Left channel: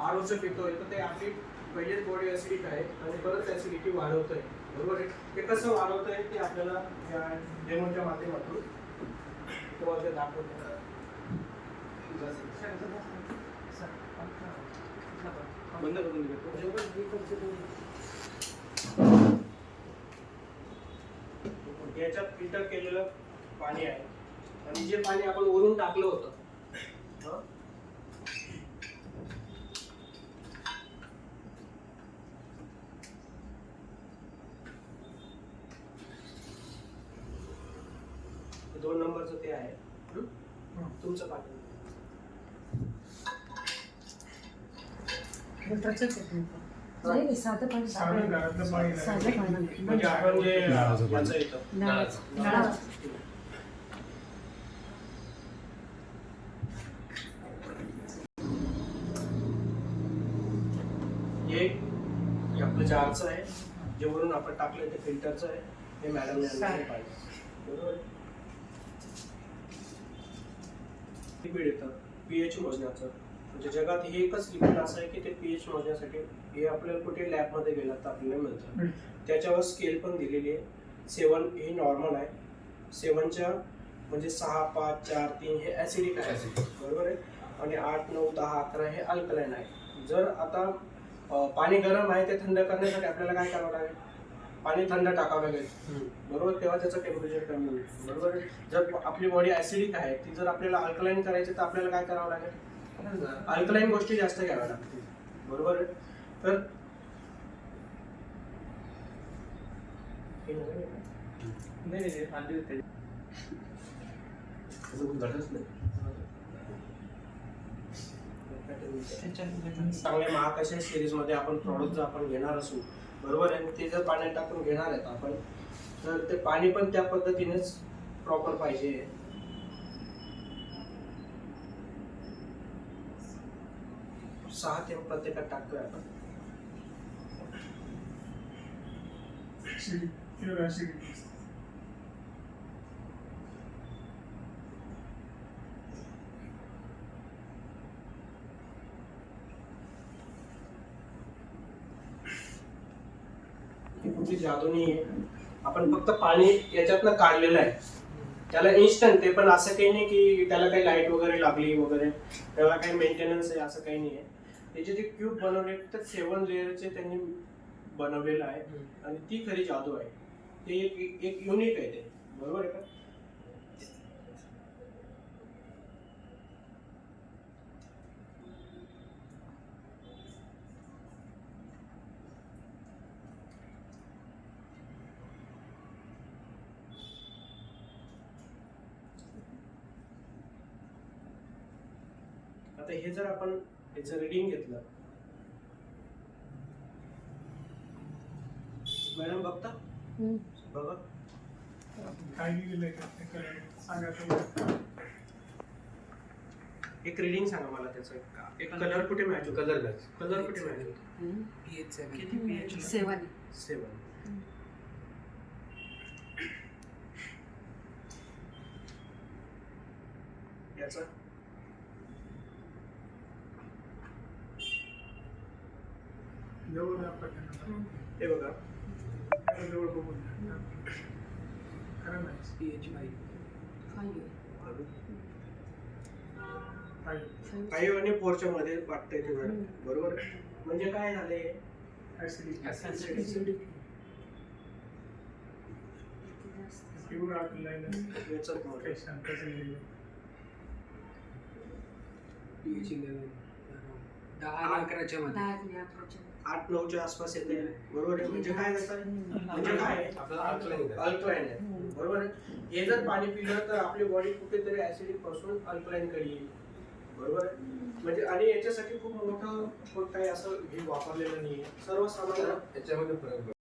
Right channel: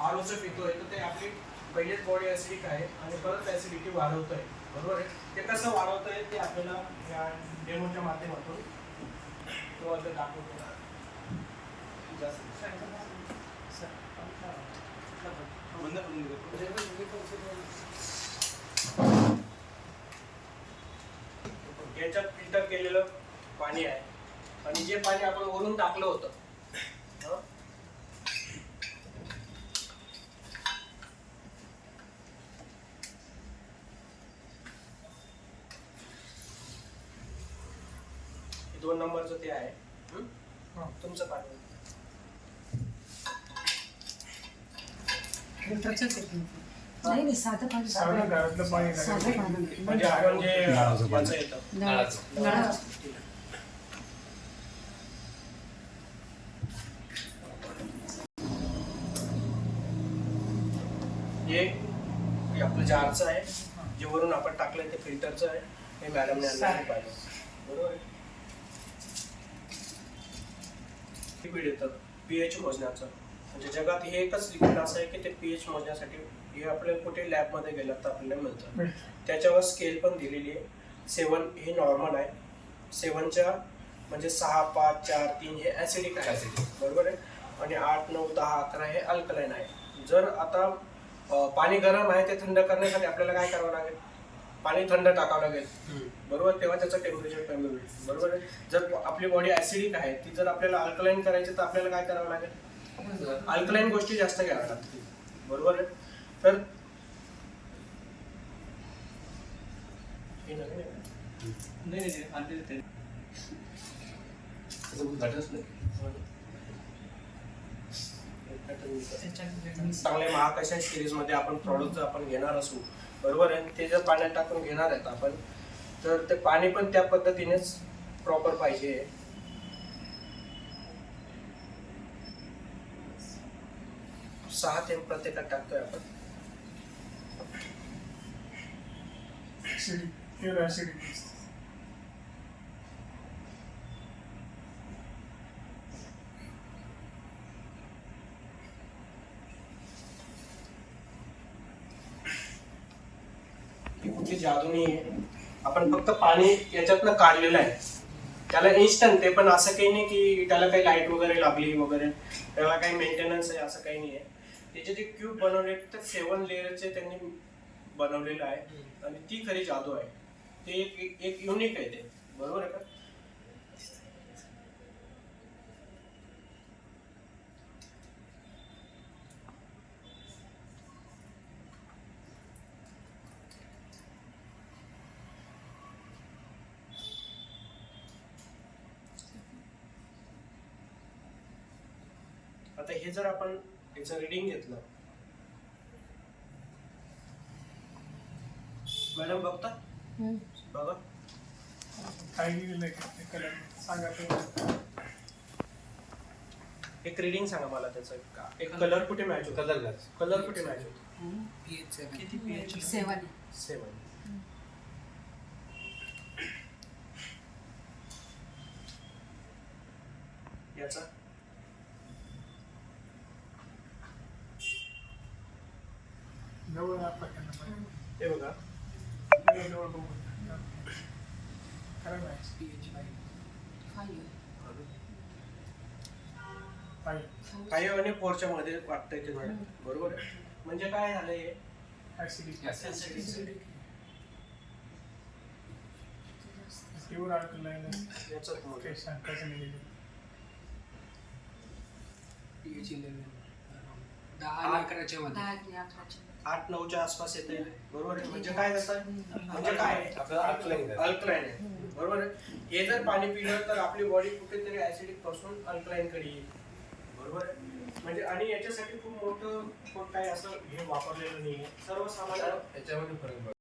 आरोचं पितोय तर ते आपली पहिलेच बॉडी ऍसिडिक आहे आणि परत ऍसिडिटी वाढवतोय, बरोबर आहे. ते कसं वाढवतंय ते आपल्याला या डेमोच्या माध्यमातून दाखवतो. बंद करून याच्यात फिल्टर केलेलं पाणी आहे आणि जे पाणी आपण वरून टाकलं होतं हे 2 नंबरचं ते आहे तुमचं पाणी. नाही साधं पाणी म्हणजे आपण जे याचं येतं हे आपलं जारचं आहे, जे वरून आपण टाकलंय ते फिल्टरचं आहे. हे मॅडमने आणलं पाहिजे, बरोबर आहे. लिक्विड येतं पीएच मोजण्याचं, म्हणजे जगात हे एकच लिक्विड असं आहे की ते पीएच मोजण्यासाठी हे आपल्याला कुठे लॅबमध्ये गेलं तर आपल्याला मिळतं. त्याच्यावर स्केल पण दिलेली आहे. 7 हे नॉर्मल आहे, 7च्या म्हणजे 6, 5, 4, 3 हे ऍसिडिक आहे, बरोबर आहे. आणि 8, 9, 10, 11 हे अल्कलाइन आहे. जर आता पाणी गरम आहे ते थंड करण्यासाठी आपल्याला काय करावं लागेल, पाणी थंड टाकावं लागेल, बरोबर, तेव्हा त्याचं टेम्परेचर कमी होईल, बरोबर. जर आपली बॉडी ऍसिडिक आहे ती जर आपल्याला अल्कलाइन करायची तर आपल्याला काय करावं लागेल, अल्कलाइन गोष्टी जास्त घ्याव्या लागतील, बरोबर आहे. तर चांगल्या महाकाशा सिरीज मध्ये आपण प्रॉडक्ट जर आपण घेणार असू, बरोबर आहे, ते जर पाण्यात टाकून घेणार आहेत आपण, तर ते पाणी पण त्या पद्धतीनेच प्रॉपर पाहिजे. 6 थेंब प्रत्येकात टाकतोय आपण. कुठली जादू नाही आहे, आपण फक्त पाणी याच्यातनं काढलेलं आहे. त्याला इन्स्टंट, ते पण असं काही नाही की त्याला काही लाईट वगैरे लागली वगैरे, त्याला काही मेंटेनन्स आहे असं काही नाही आहे. त्याचे जे क्यूब बनवले तर 7 लेअरचे त्यांनी बनवलेलं आहे आणि ती खरी जादू आहे. ते एक युनिक आहे ते, बरोबर आहे का. आता हे जर आपण याचं रीडिंग घेतलं, मॅडम बघता बघा एक रीडिंग सांगा मला त्याचं. एक कलर कुठे मॅच होतो, कलर कुठे मॅच होतो. pH 7 याचा हे बघा pH 5 आणि 4च्या मध्ये वाटतंय ते, बरोबर. म्हणजे काय झालंय, pH 10-11 8-9च्या आसपास येते, बरोबर आहे. म्हणजे काय जातं, म्हणजे काय अल्कलाइन आहे, बरोबर आहे. हे जर पाणी पिलं तर आपली बॉडी कुठेतरी ऍसिडिक पासून अल्कलाइन कडे येईल, बरोबर आहे. म्हणजे आणि याच्यासाठी खूप मोठं काही असं हे वापरलेलं नाहीये, सर्वसामान्य याच्यामध्ये फरक